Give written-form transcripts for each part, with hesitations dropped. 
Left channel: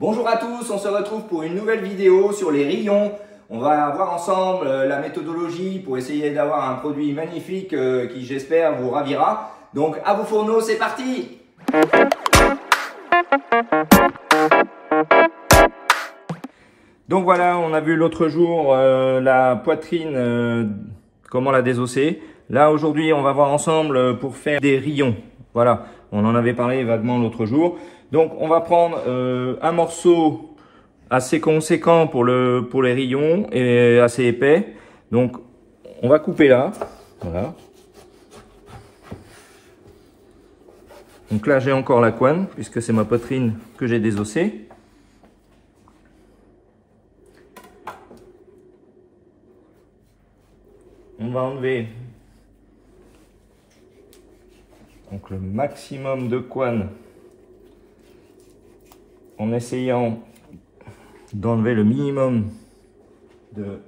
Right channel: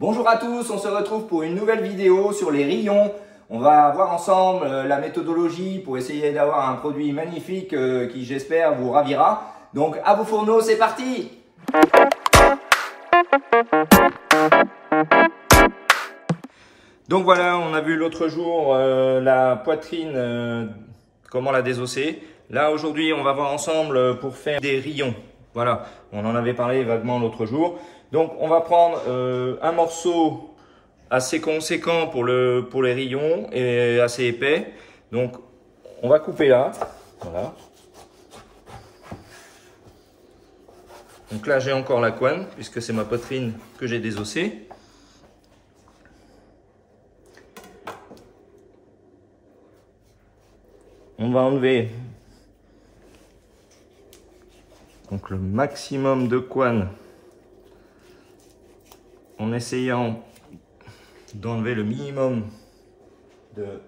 Bonjour à tous, on se retrouve pour une nouvelle vidéo sur les rayons. On va voir ensemble la méthodologie pour essayer d'avoir un produit magnifique qui, j'espère, vous ravira. Donc à vos fourneaux, c'est parti! Donc voilà, on a vu l'autre jour la poitrine, comment la désosser. Là aujourd'hui, on va voir ensemble pour faire des rayons. Voilà, on en avait parlé vaguement l'autre jour. Donc on va prendre un morceau assez conséquent pour les rayons et assez épais. Donc on va couper là. Voilà. Donc là j'ai encore la couenne puisque c'est ma poitrine que j'ai désossée. On va enlever donc le maximum de couenne en essayant d'enlever le minimum de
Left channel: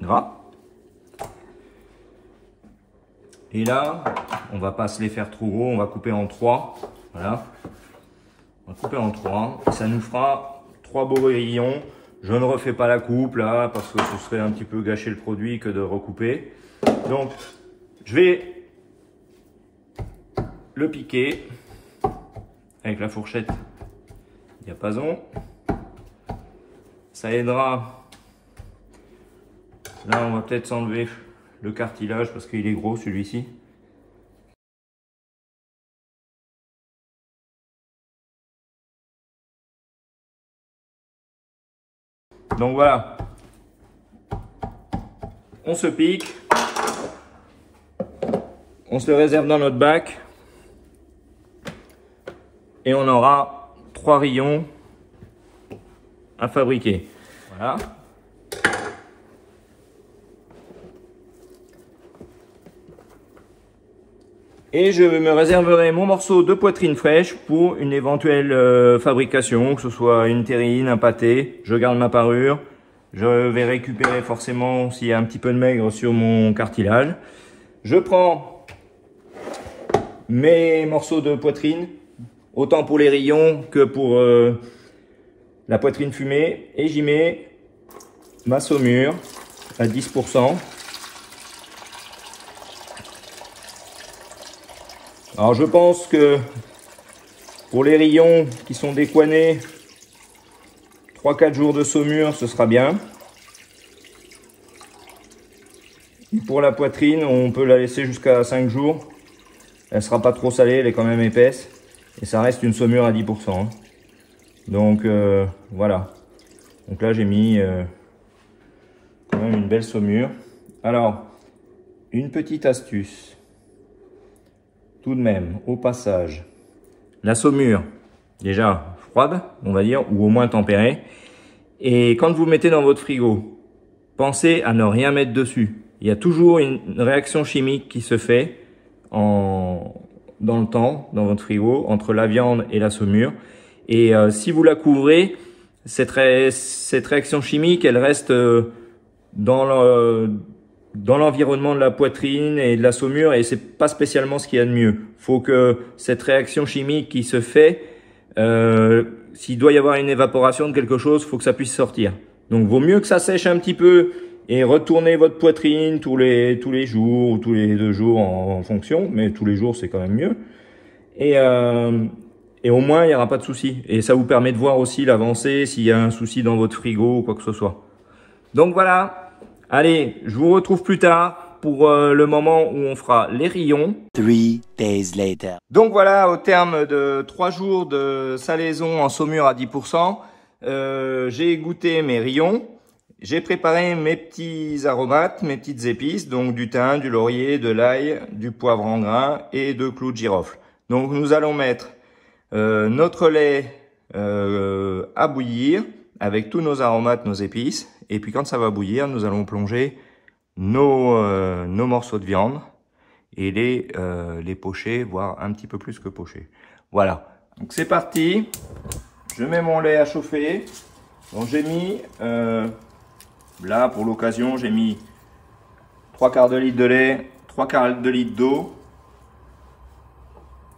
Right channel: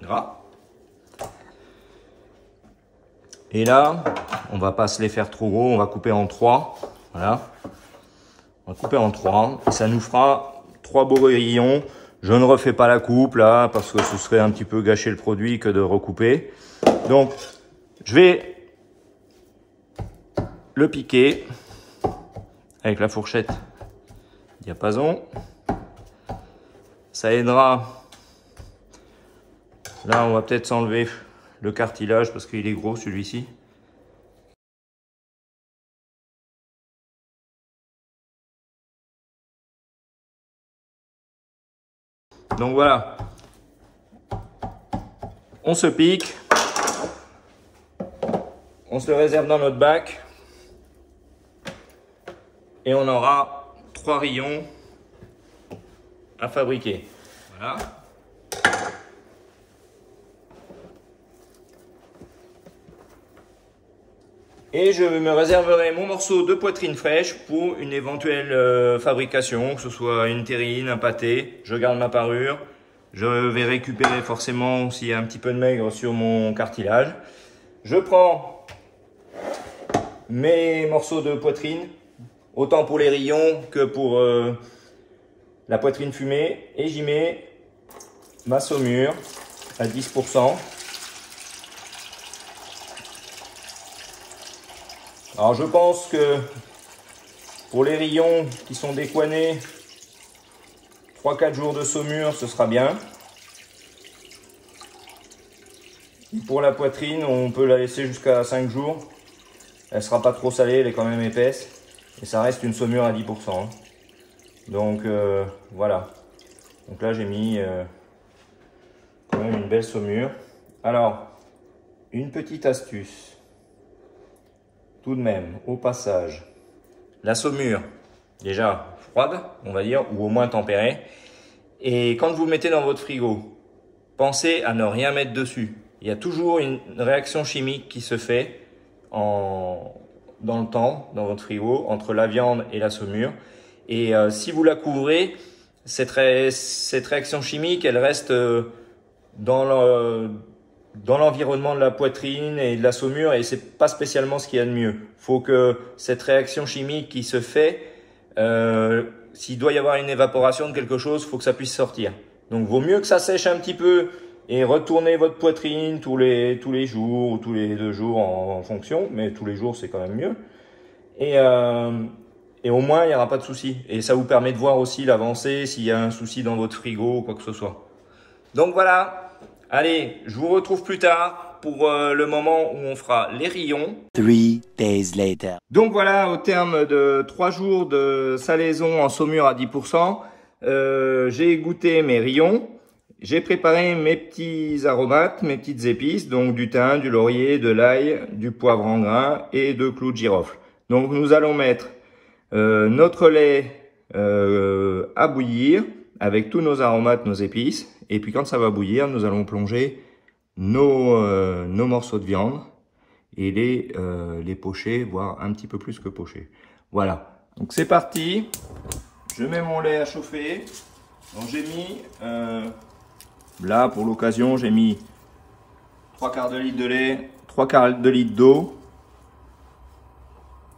gras. Et là, on va pas se les faire trop gros, on va couper en 3. Voilà. On va couper en 3 et ça nous fera 3 beaux rayons. Je ne refais pas la coupe là parce que ce serait un petit peu gâcher le produit que de recouper. Donc, je vais le piquer avec la fourchette diapason. Ça aidera. Là, on va peut-être s'enlever le cartilage parce qu'il est gros celui-ci. Donc voilà, on se pique, on se le réserve dans notre bac et on aura 3 rayons à fabriquer. Voilà. Et je me réserverai mon morceau de poitrine fraîche pour une éventuelle fabrication, que ce soit une terrine, un pâté. Je garde ma parure. Je vais récupérer forcément s'il y a un petit peu de maigre sur mon cartilage. Je prends mes morceaux de poitrine, autant pour les rayons que pour la poitrine fumée. Et j'y mets ma saumure à 10%. Alors je pense que pour les rayons qui sont décoinés, 3-4 jours de saumure, ce sera bien. Pour la poitrine, on peut la laisser jusqu'à 5 jours. Elle ne sera pas trop salée, elle est quand même épaisse. Et ça reste une saumure à 10%. Donc voilà. Donc là j'ai mis quand même une belle saumure. Alors, une petite astuce. Tout de même, au passage, la saumure, déjà froide, on va dire, ou au moins tempérée. Et quand vous le mettez dans votre frigo, pensez à ne rien mettre dessus. Il y a toujours une réaction chimique qui se fait dans le temps, dans votre frigo, entre la viande et la saumure. Et si vous la couvrez, cette réaction chimique, elle reste dans l'environnement de la poitrine et de la saumure, et c'est pas spécialement ce qu'il y a de mieux. Il faut que cette réaction chimique qui se fait, s'il doit y avoir une évaporation de quelque chose, il faut que ça puisse sortir. Donc vaut mieux que ça sèche un petit peu et retournez votre poitrine tous les jours ou tous les 2 jours en fonction, mais tous les jours c'est quand même mieux. Et au moins il n'y aura pas de souci. Et ça vous permet de voir aussi l'avancée, s'il y a un souci dans votre frigo ou quoi que ce soit. Donc voilà. Allez, je vous retrouve plus tard pour le moment où on fera les rayons. 3 days later. Donc voilà, au terme de 3 jours de salaison en saumure à 10%, j'ai goûté mes rayons. J'ai préparé mes petits aromates, mes petites épices, donc du thym, du laurier, de l'ail, du poivre en grains et de clous de girofle. Donc nous allons mettre notre lait à bouillir avec tous nos aromates, nos épices. Et puis quand ça va bouillir, nous allons plonger nos morceaux de viande et les pocher, voire un petit peu plus que pocher. Voilà, donc c'est parti. Je mets mon lait à chauffer. Donc j'ai mis, là pour l'occasion, j'ai mis 3/4 de litre de lait, 3/4 de litre d'eau.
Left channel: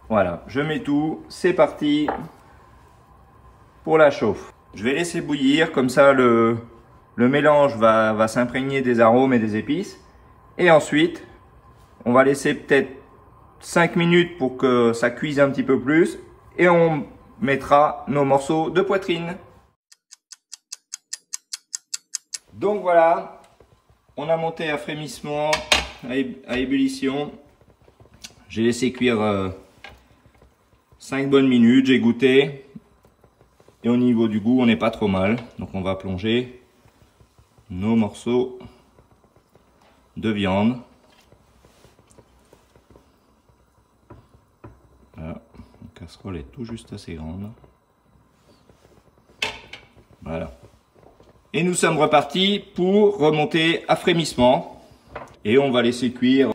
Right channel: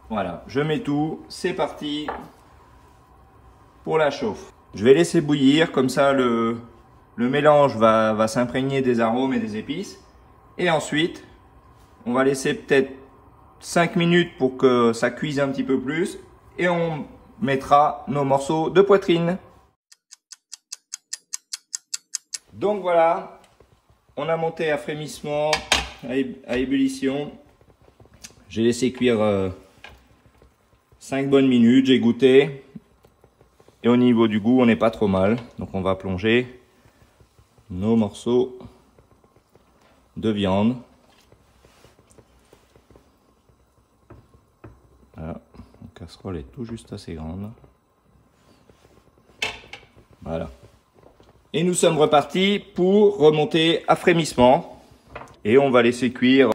Voilà, je mets tout, c'est parti. pour la chauffe. Je vais laisser bouillir, comme ça le mélange va s'imprégner des arômes et des épices. Et ensuite, on va laisser peut-être 5 minutes pour que ça cuise un petit peu plus. Et on mettra nos morceaux de poitrine. Donc voilà, on a monté à frémissement, à ébullition. J'ai laissé cuire 5 bonnes minutes, j'ai goûté. Et au niveau du goût, on n'est pas trop mal. Donc on va plonger nos morceaux de viande. Voilà, la casserole est tout juste assez grande. Voilà. Et nous sommes repartis pour remonter à frémissement. Et on va laisser cuire.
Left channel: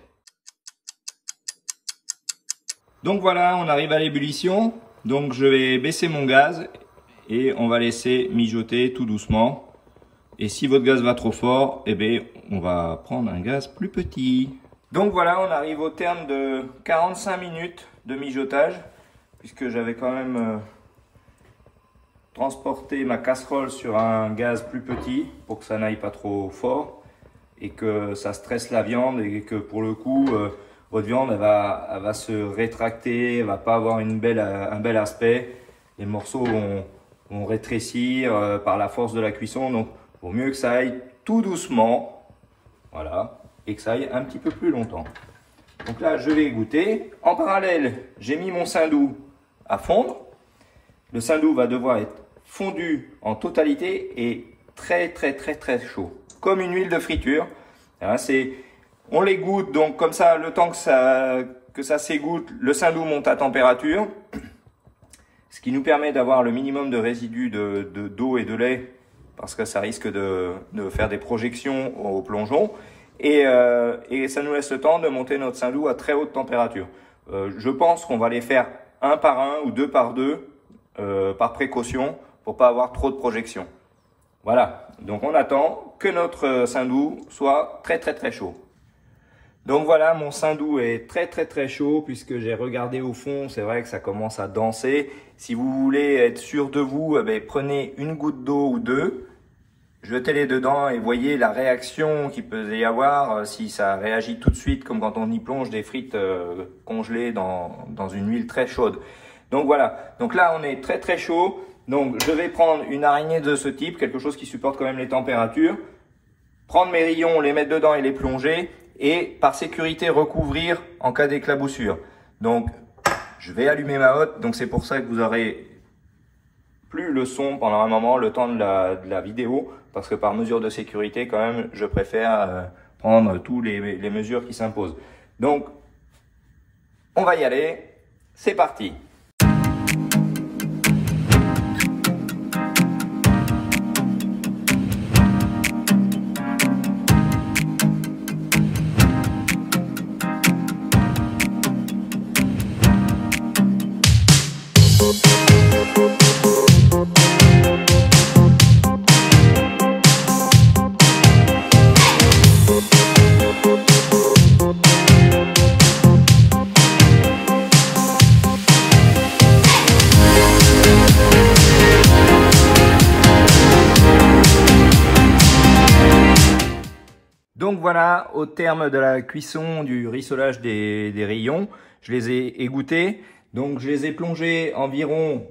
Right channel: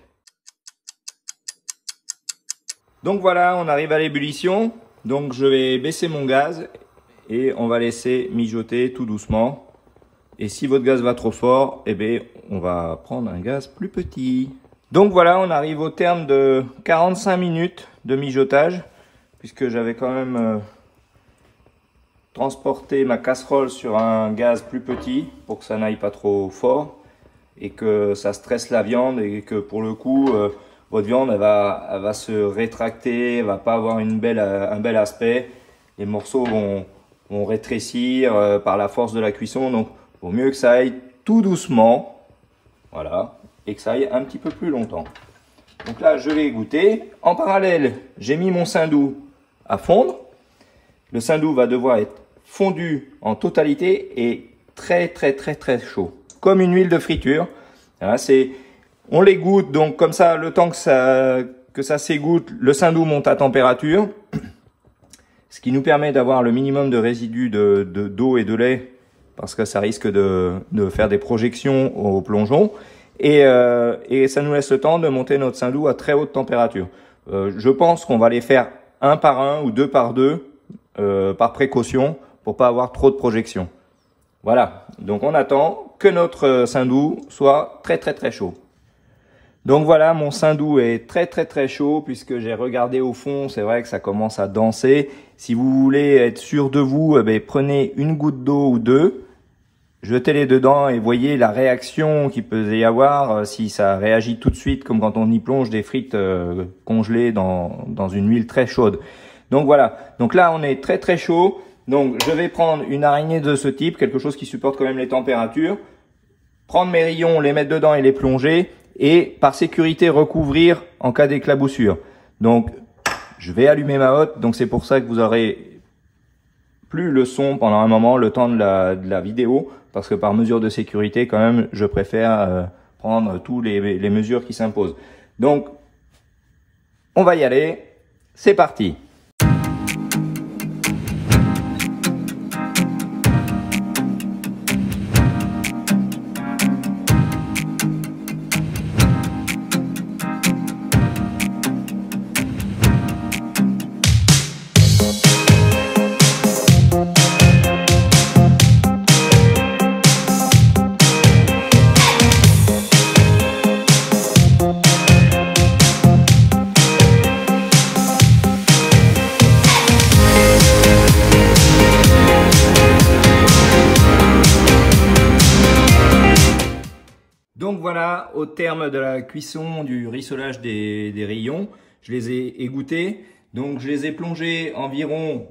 Donc voilà, on arrive à l'ébullition. Donc je vais baisser mon gaz et on va laisser mijoter tout doucement. Et si votre gaz va trop fort, eh bien, on va prendre un gaz plus petit. Donc voilà, on arrive au terme de 45 minutes de mijotage, puisque j'avais quand même transporté ma casserole sur un gaz plus petit pour que ça n'aille pas trop fort et que ça stresse la viande et que pour le coup, votre viande elle va se rétracter, elle va pas avoir un bel aspect. Les morceaux vont rétrécir par la force de la cuisson, donc il vaut mieux que ça aille tout doucement, voilà, et que ça aille un petit peu plus longtemps. Donc là, je vais goûter. En parallèle, j'ai mis mon saindoux à fondre. Le saindoux va devoir être fondu en totalité et très chaud, comme une huile de friture. Voilà, on les goûte, donc comme ça, le temps que ça s'égoutte, le saindoux monte à température, ce qui nous permet d'avoir le minimum de résidus d'eau et de lait, parce que ça risque de faire des projections au plongeon. Et ça nous laisse le temps de monter notre saindoux à très haute température. Je pense qu'on va les faire un par un ou deux par deux, par précaution, pour pas avoir trop de projections. Voilà, donc on attend que notre saindoux soit très chaud. Donc voilà, mon saindoux est très chaud, puisque j'ai regardé au fond, c'est vrai que ça commence à danser. Si vous voulez être sûr de vous, eh bien, prenez une goutte d'eau ou deux, jetez-les dedans et voyez la réaction qu'il peut y avoir, si ça réagit tout de suite, comme quand on y plonge des frites congelées dans une huile très chaude. Donc voilà, donc là on est très chaud. Donc je vais prendre une araignée de ce type, quelque chose qui supporte quand même les températures, prendre mes rayons, les mettre dedans et les plonger, et par sécurité recouvrir en cas d'éclaboussure. Donc je vais allumer ma hotte, donc c'est pour ça que vous aurez plus le son pendant un moment, le temps de la vidéo, parce que par mesure de sécurité quand même, je préfère prendre tous les mesures qui s'imposent. Donc on va y aller, c'est parti. Donc voilà, au terme de la cuisson du rissolage des rayons, je les ai égouttés. Donc je les ai plongés environ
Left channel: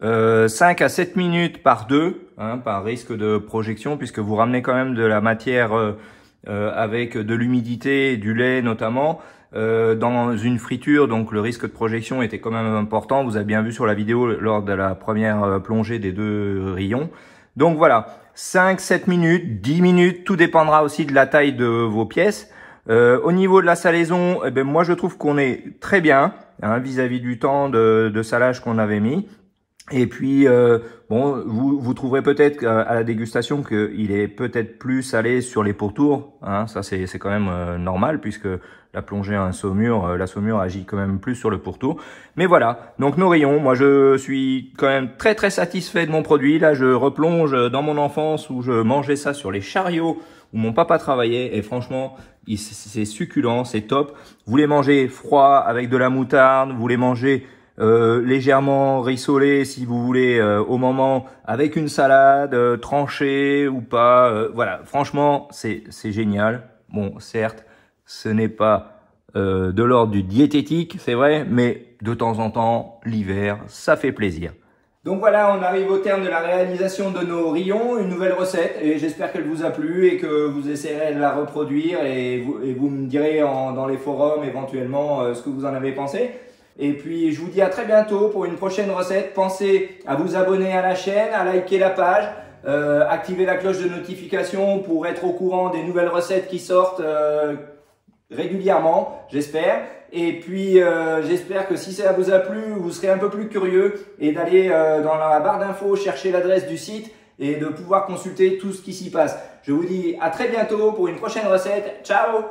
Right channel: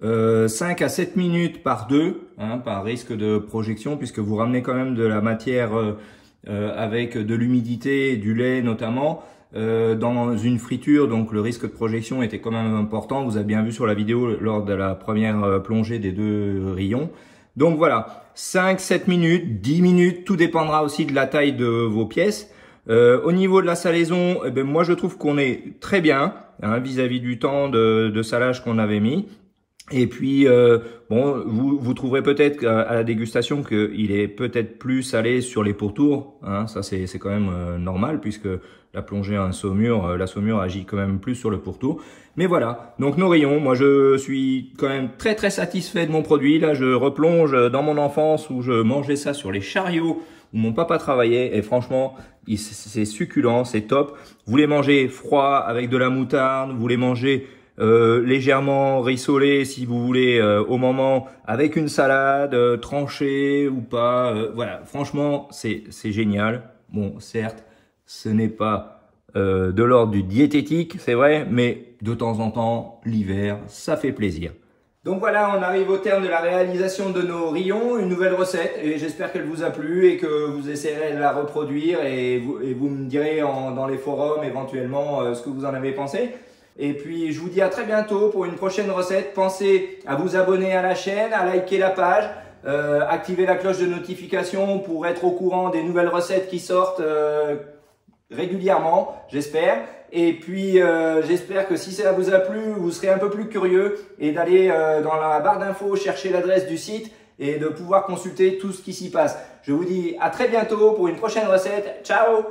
5 à 7 minutes par deux, par risque de projection, puisque vous ramenez quand même de la matière avec de l'humidité, du lait notamment, dans une friture. Donc le risque de projection était quand même important. Vous avez bien vu sur la vidéo lors de la première plongée des deux rayons. Donc voilà, 5, 7 minutes, 10 minutes, tout dépendra aussi de la taille de vos pièces. Au niveau de la salaison, eh ben, moi je trouve qu'on est très bien vis-à-vis du temps de salage qu'on avait mis. Et puis, bon, vous trouverez peut-être à la dégustation qu'il est peut-être plus salé sur les pourtours. Ça, c'est quand même normal, puisque la plongée à un saumur, la saumure agit quand même plus sur le pourtour. Mais voilà, donc nos rayons, moi je suis quand même très satisfait de mon produit. Là, je replonge dans mon enfance où je mangeais ça sur les chariots où mon papa travaillait. Et franchement, c'est succulent, c'est top. Vous les mangez froid avec de la moutarde, vous les mangez légèrement rissolé si vous voulez au moment, avec une salade, tranchée ou pas. Voilà, franchement, c'est génial. Bon, certes, ce n'est pas de l'ordre du diététique, c'est vrai, mais de temps en temps, l'hiver, ça fait plaisir. Donc voilà, on arrive au terme de la réalisation de nos rillons, une nouvelle recette, et j'espère qu'elle vous a plu et que vous essayerez de la reproduire et vous me direz dans les forums éventuellement ce que vous en avez pensé. Et puis je vous dis à très bientôt pour une prochaine recette. Pensez à vous abonner à la chaîne, à liker la page, activer la cloche de notification pour être au courant des nouvelles recettes qui sortent régulièrement, j'espère. Et puis j'espère que si ça vous a plu, vous serez un peu plus curieux et d'aller dans la barre d'infos chercher l'adresse du site et de pouvoir consulter tout ce qui s'y passe. Je vous dis à très bientôt pour une prochaine recette. Ciao!